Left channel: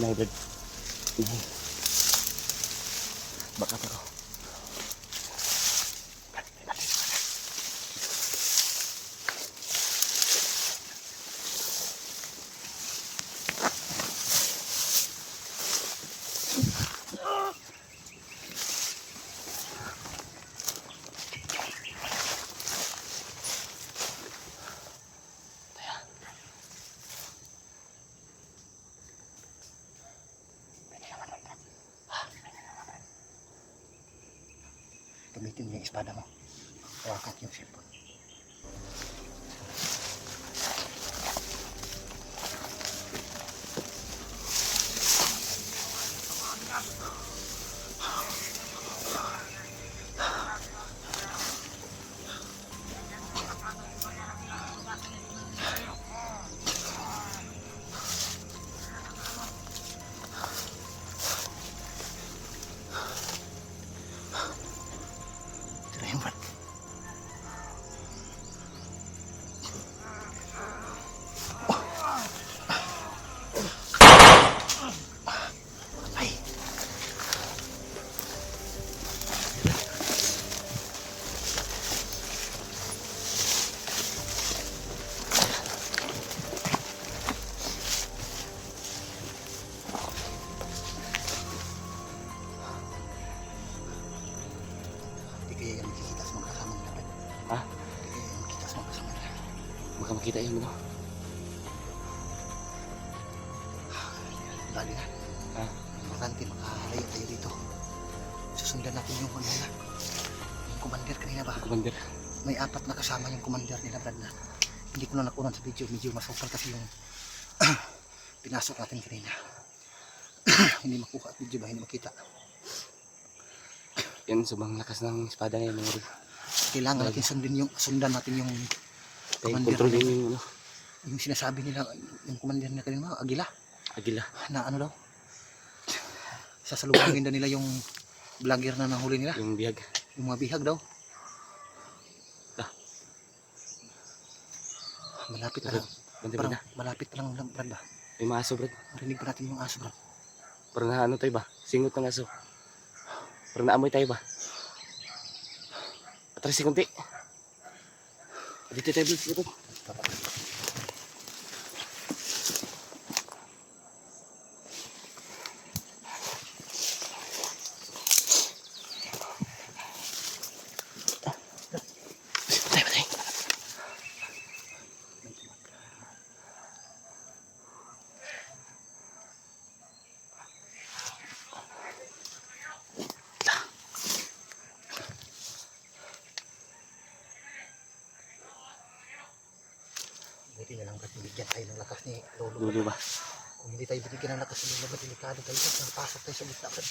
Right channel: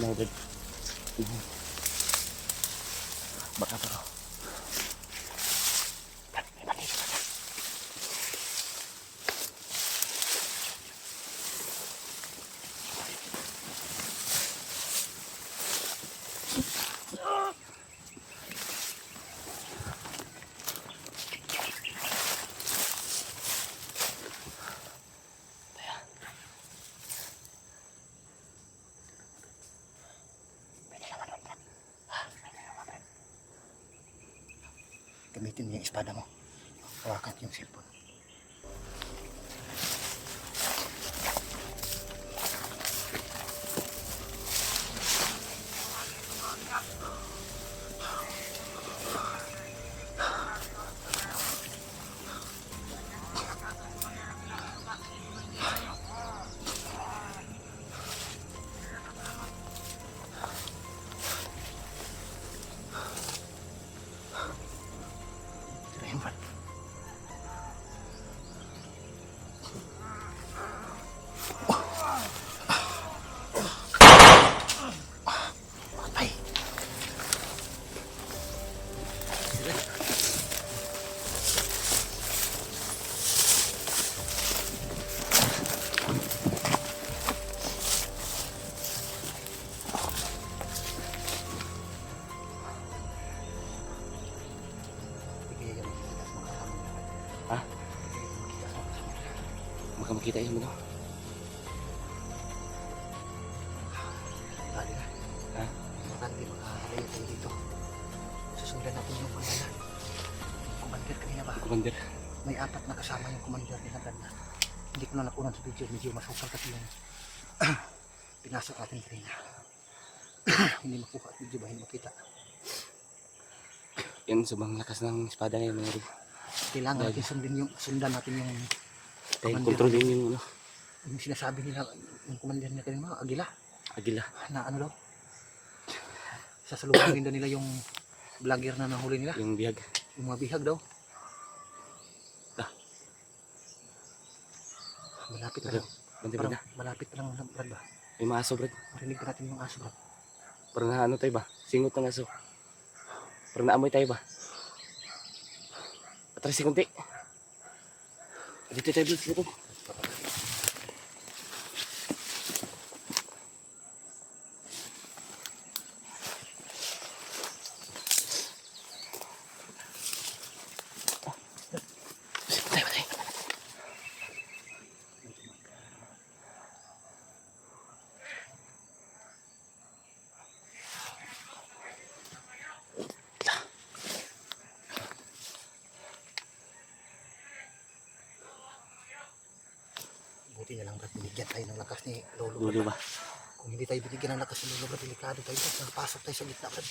na agad. Baka pa ko. Gamitin mo yung espada mo. Hawakan yung cellphone. Terima. Ha? Baka makita yung ano? Bali na. Ha? Natin, layo tayo dito. Susundan natin yung commander kanina ba? Commander. May 4 na kasama yung commander nila, Brad, na hindi ko na nakunan sa video. Medyo masukal kasi yung pinasok natin kanina. Hindi makuha at video ba? Hindi makita. Yan, sobrang lakas ng espada ngayon mga rin. Kailangan natin sundan natin yung Tayo commander. kontrolin yung ano? Yung sinasabi nila, yung commander nila kanina, Agila. Agila. Na ano daw? Sasalubungin daw nila yung vlogger na nahuli nila. Yung bihag. Yung mga bihag daw. Ah. Malapit na Brad, lang. bantay Parang na. malapit na lang, Brad ba? May mga aso, Brad. Marinig pa natin yung aso, Brad. Parang na ano tayo ba? Singot ng aso. Parang naamoy tayo ba? Atras si kunti. Dito tayo, Brad. Dito. Patay. Buti na lang, Brad, binigyan tayo ng lakas ni Lolo. Dulo ba? Kung hindi tayo binigyan ng lakas ni Lolo, delikado tayo. Napasok tayo sa gitna, Brad.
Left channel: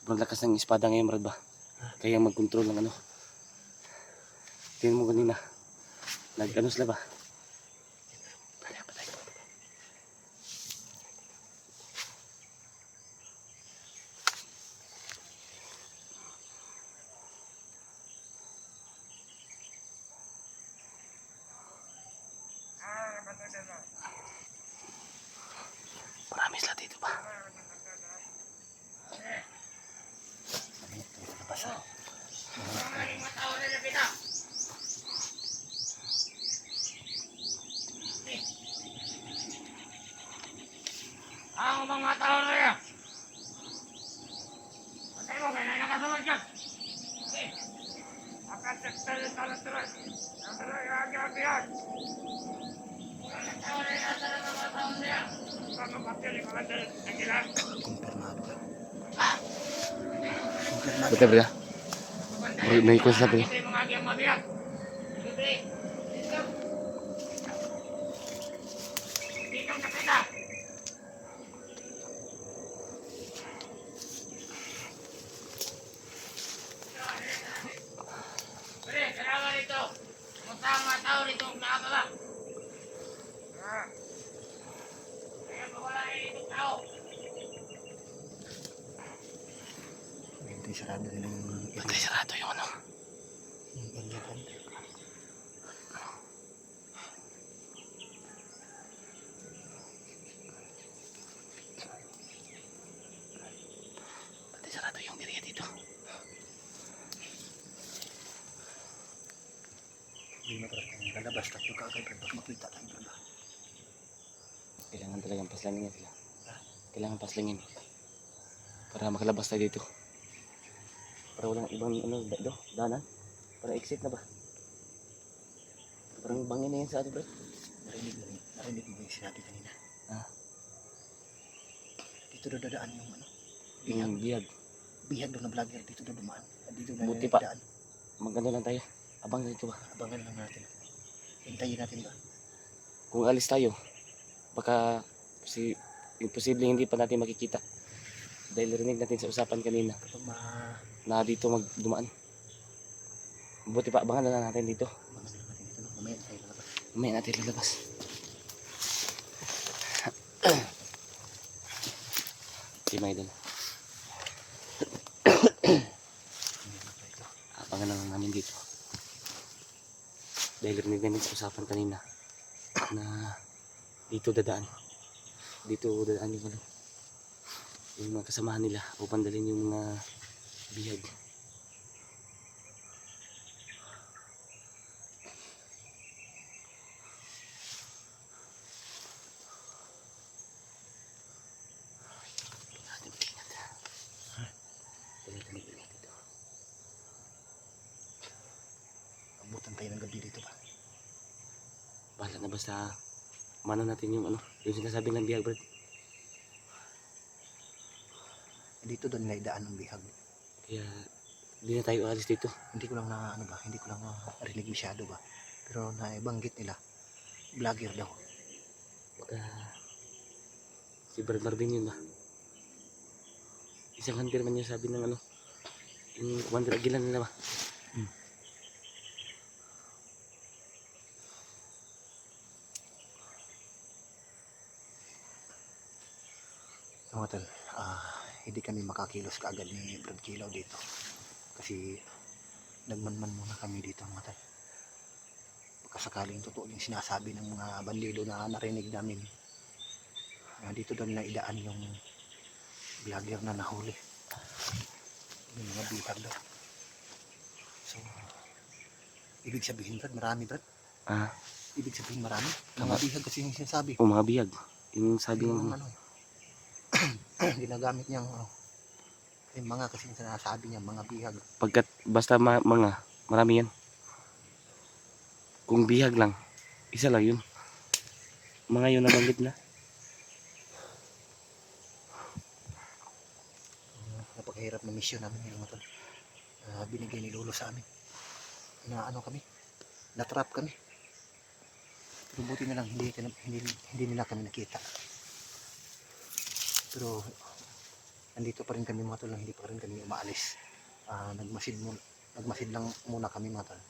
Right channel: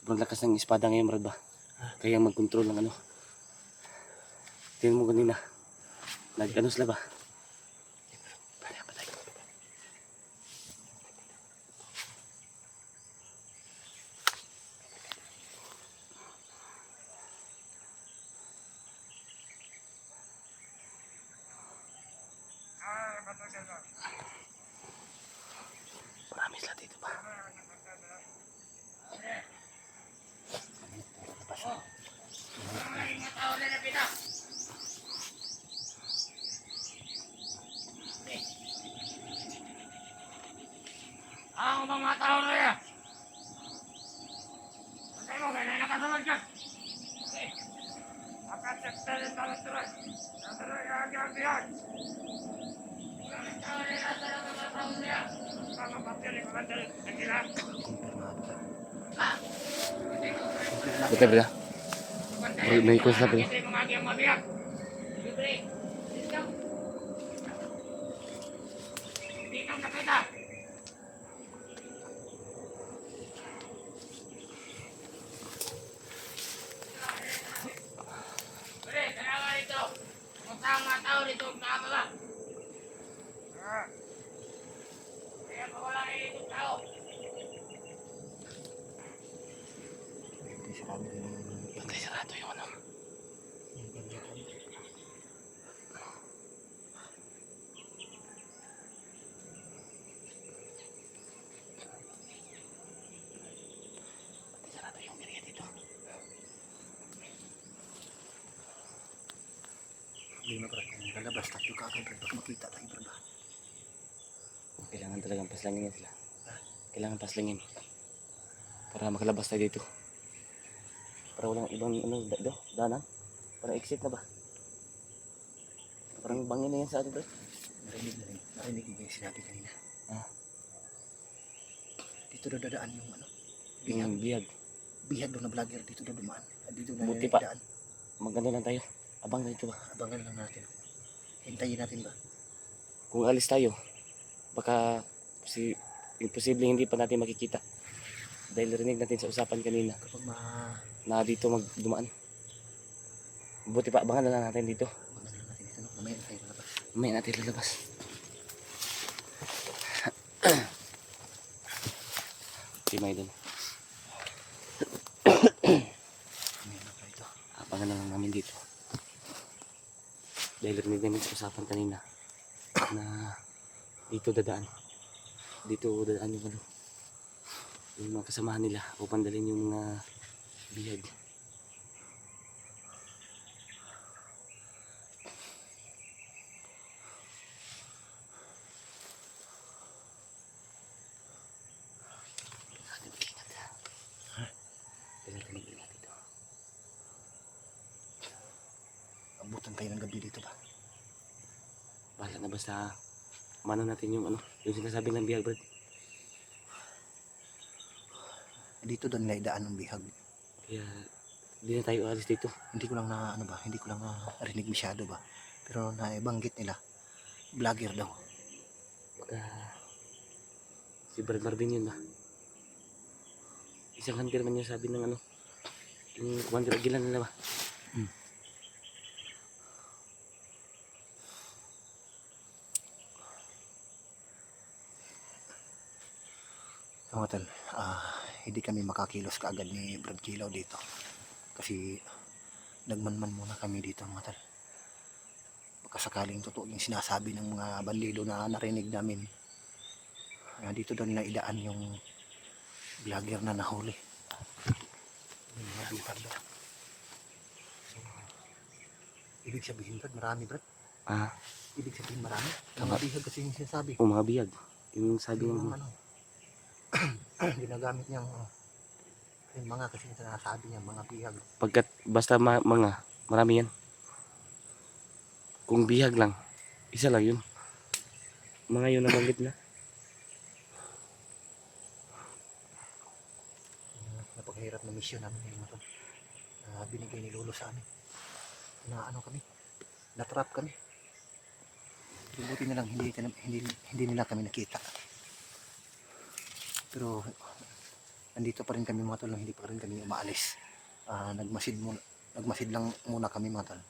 Sobrang lakas ng espada ngayon, Brad ba? Kaya mag-control ng ano. Tingnan mo kanina. Nag-ano sila ba? Patay. Marami sila dito ba? Ang mga tao na yan. Pantay mo, kaya nakasunod ka. Akasekta rin talat-turat. Talat-turat, agad-agad. Mga tao na yan, mga tao na yan. Mga patyo ni Commander Agila. Patay ba? May ikos na pala. Ito yung mga agyang mabiyak. Libre. Dito ang kapita. Mga tao rito nakakaba. Kaya mawala itong tao. Hindi sarado nila yung Patay sarado yung ano. yung area, Brad. Problema Brad, kung lalabas tayo kagad Brad, baka makita tayo Brad. Kailangan talagang paslangin yan sila. Kailangan paslangin. Para makalabas tayo dito. Para walang ibang daanan. Para exit na ba? Parang bangin na yan sa ato, bro. Narinig yung sinabi kanina. Ah, Dito na dadaan yung ano, yung bihag. bihag daw na vlogger, dito na dumaan. Dito na Buti pa. dadaan. Magano lang tayo. Abang dito ba? Abangan lang natin. Hintayin natin ba? Kung alis tayo, baka imposible hindi pa natin makikita. Dahil rinig natin sa usapan kanina Kapag na dito magdumaan. Buti pa, abangan na lang natin dito. abangan lang natin ito, no? Mamaya na tayo lalabas. Mamaya natin lalabas. Timay doon. Mamaya na tayo ito. Abangan na lang namin dito. Dahil rinig namin sa usapan kanina na dito dadaan. Dito dadaan yung ano, yung mga kasamahan nila upang dalhin yung mga bihag. Kailangan mag-ingat. Kailangan mag-ingat dito. Abutan tayo ng gabi dito ba? Bahala na basta mano natin yung ano, yung sinasabi ng bihag, Brad. Dito doon na idaan ng bihag. Kaya hindi na tayo alis dito. Hindi ko lang na ano ba, hindi ko lang narinig masyado ba. Pero naibanggit nila, vlogger daw. Baka si Brad Marvin yun ba? Isang hunter man yung sabi ng ano, yung Commander Aguilan nila ba? So, tol, hindi kami makakilos kaagad ni Brad Kilaw dito. Kasi nagmanman muna kami dito mga tol. Baka sakaling totoo yung sinasabi ng mga bandido na narinig namin. Dito doon na idaan yung vlogger na nahuli. Yung mga bihag daw. So, ibig sabihin Brad, marami Brad. Ah, Ibig sabihin marami. Tama. Mga bihag kasi yung sinasabi. o mga bihag. Yung sabi Yung ng ano, ginagamit niyang yung mga kasi sinasabi niya mga bihag. pagkat basta mga marami yan. Kung bihag lang, isa lang yun. Mga yun nabanggit na. Napakahirap na mission namin yung mga to. Binigay ni Lolo sa amin. Na ano kami, natrap kami. Buti na lang hindi nila kami nakita. Pero nandito pa rin kami mga tol, hindi pa rin kami umaalis. Nagmasid lang muna kami mga tol.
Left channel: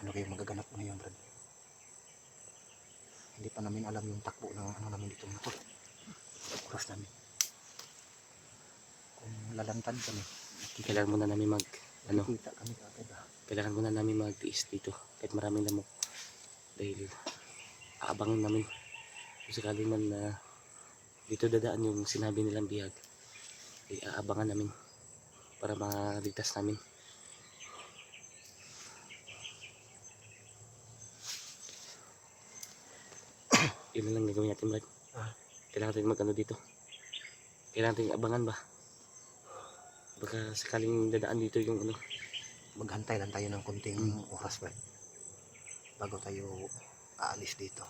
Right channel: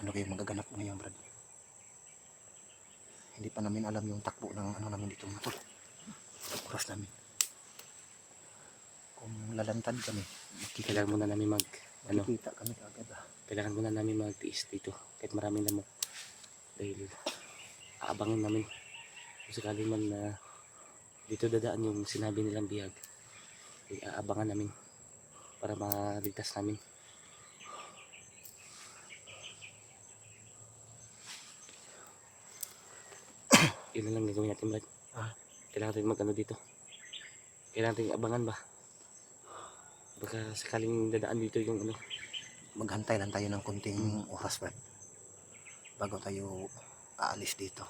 Ano kayo magaganap ngayon Brad? Hindi pa namin alam yung takbo ng ano namin dito mga tol. Oras namin. Kung lalantad kami, Kailangan muna namin makikita kami kaagad kailangan muna namin magtiis dito. Kahit maraming lamok. Dahil aabangan namin. Kung sakali man na dito dadaan yung sinabi nilang bihag, ay aabangan namin para maligtas namin. Yun na lang gagawin natin, Brad. Kailangan natin mag-ano dito. Kailangan natin abangan ba? Baka sakaling dadaan dito yung ano. Maghantay lang tayo ng kunting oras Brad bago tayo aalis dito.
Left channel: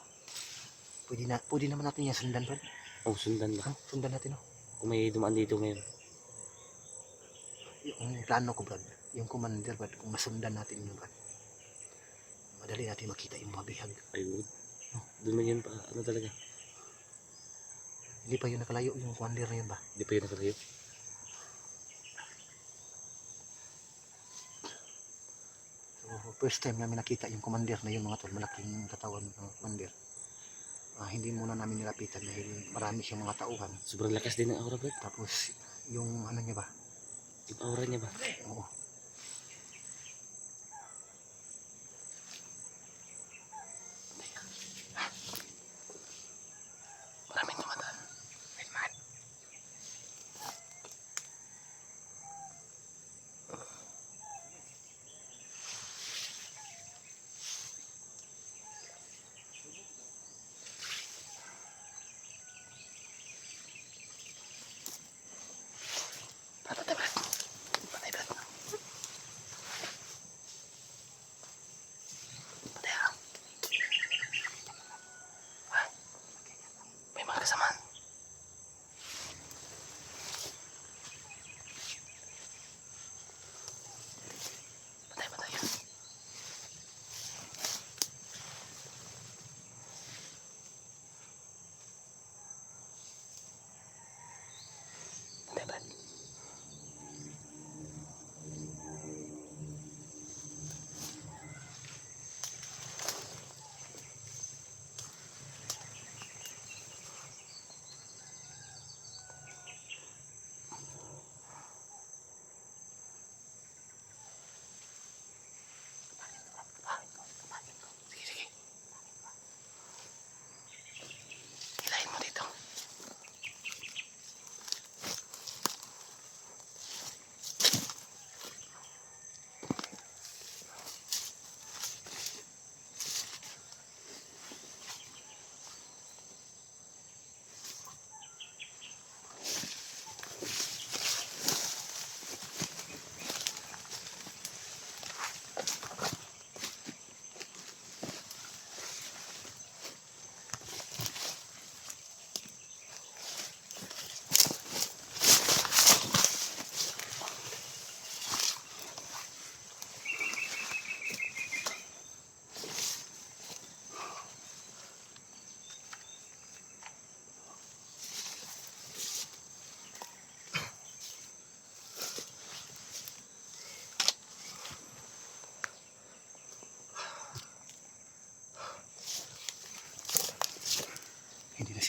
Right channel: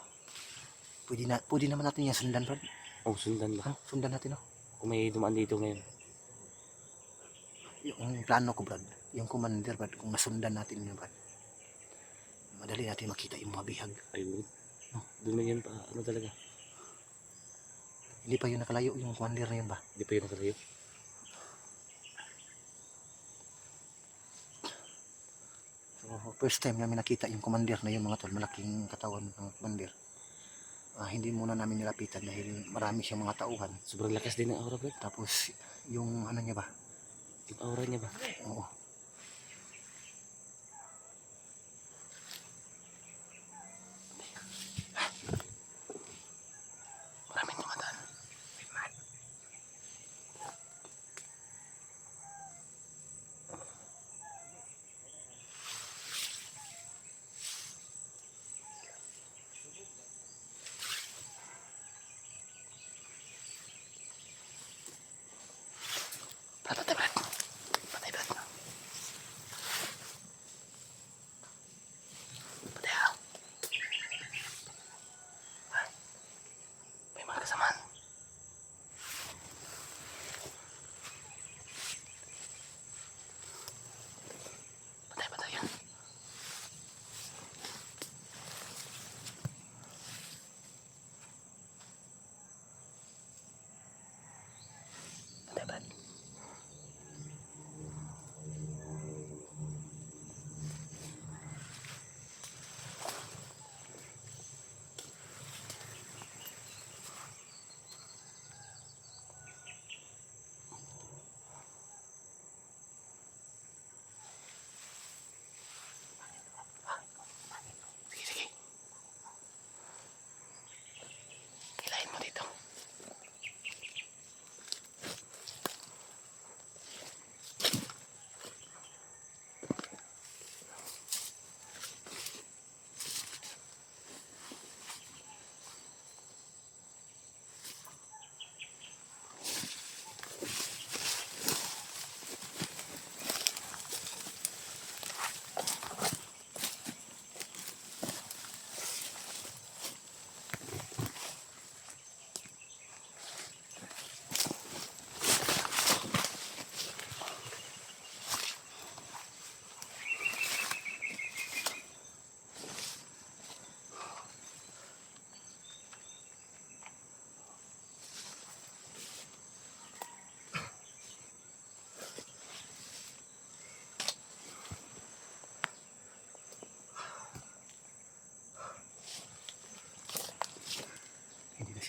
Pwede naman natin yung sundan Brad. Oh, sundan ba? Sundan natin Kung may dumaan dito ngayon. Yung plano ko Brad, yung commander Brad, kung masundan natin yun Brad, madali natin makita yung mga bihag. Ayun. Doon man yun pa, ano talaga. Hindi pa yun nakalayo yung commander na yun ba? Hindi pa yun nakalayo. So first time namin nakita yung commander na yun mga tol, malaking katawan ng commander. Hindi muna namin nilapitan dahil marami siyang mga tauhan. Sobrang lakas din ng aura, Brad. Tapos yung ano niya ba? Yung aura niya ba? Oo. Maraming tumataan. Wait, man.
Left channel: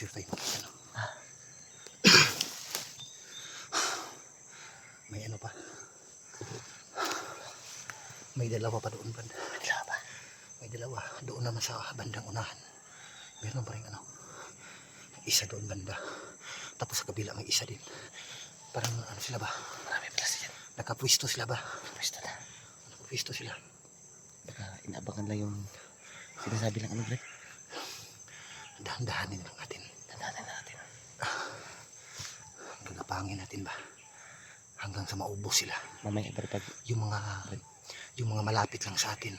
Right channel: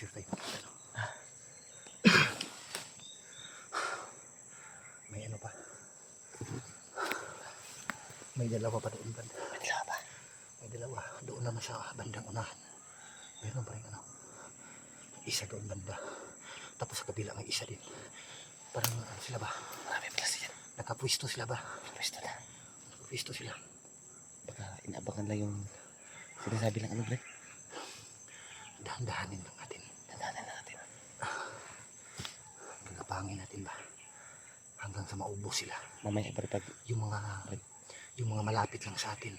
sure tayo makita, no? May ano pa. May dalawa pa doon banda. May dalawa pa. May dalawa. Doon naman sa bandang unahan. Meron pa rin ano. Isa doon banda. Tapos sa kabila may isa din. Parang ano sila ba? Marami pala siya. Nakapwisto sila ba? Pwesto na. Nakapwisto sila. Baka inaabangan lang yung sinasabi lang ano, Brad. Dahan-dahanin lang natin. Tandaan na natin. Gagapangin natin ba? Hanggang sa maubos sila. Mamaya, Brad, pag Yung mga malapit lang sa atin.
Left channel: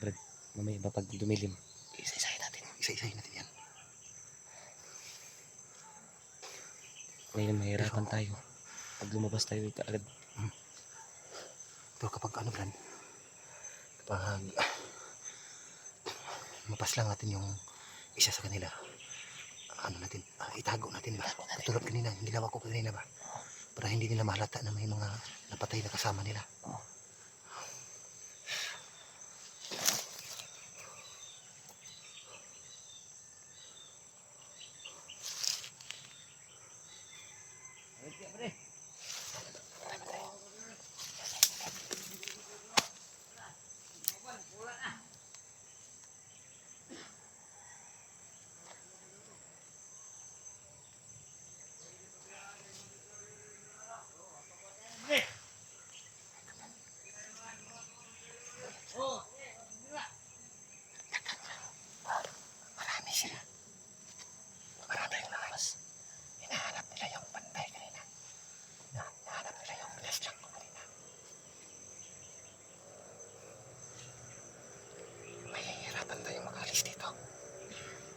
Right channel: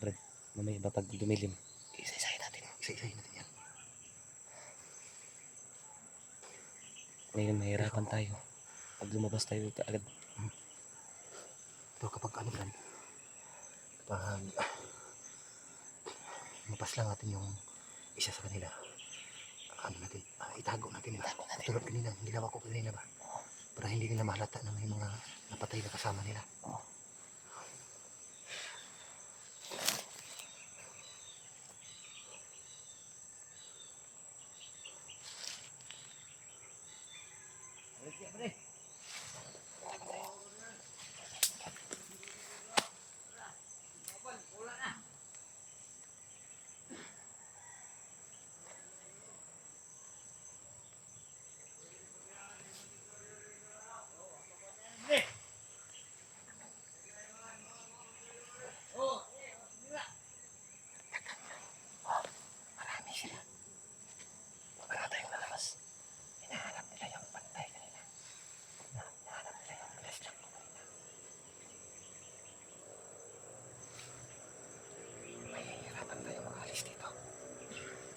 Brad, mamaya ba pag dumilim, isa-isahin natin. Isa-isahin natin yan. Ngayon mahirapan tayo. Pag lumabas tayo agad. Pero kapag ano Brad, kapag mapas lang natin yung isa sa kanila, ano natin, itago natin. Itago natin. Tulad kanina, ginawa ko kanina ba? Para hindi nila mahalata na may mga napatay na kasama nila. Oo. Marami sila. Marami tayong lalabas. Hinahanap nila yung pantay kanina. Hinahanap nila yung flashlight ko kanina. Mahihirapan tayong makalis dito.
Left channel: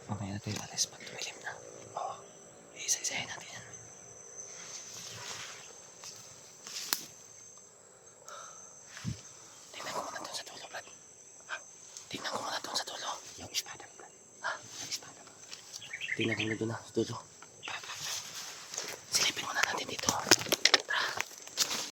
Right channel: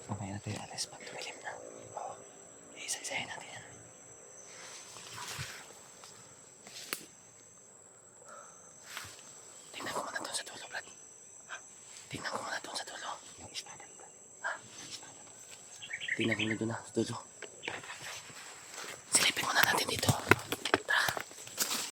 Mamaya na tayo alis pag dumilim na. Oo. Isa-isahin natin yan. Tingnan ko muna doon sa dulo, Brad. Tingnan ko muna doon sa dulo. Yung espada. Ha? Yung espada. Tingnan ko muna doon sa dulo.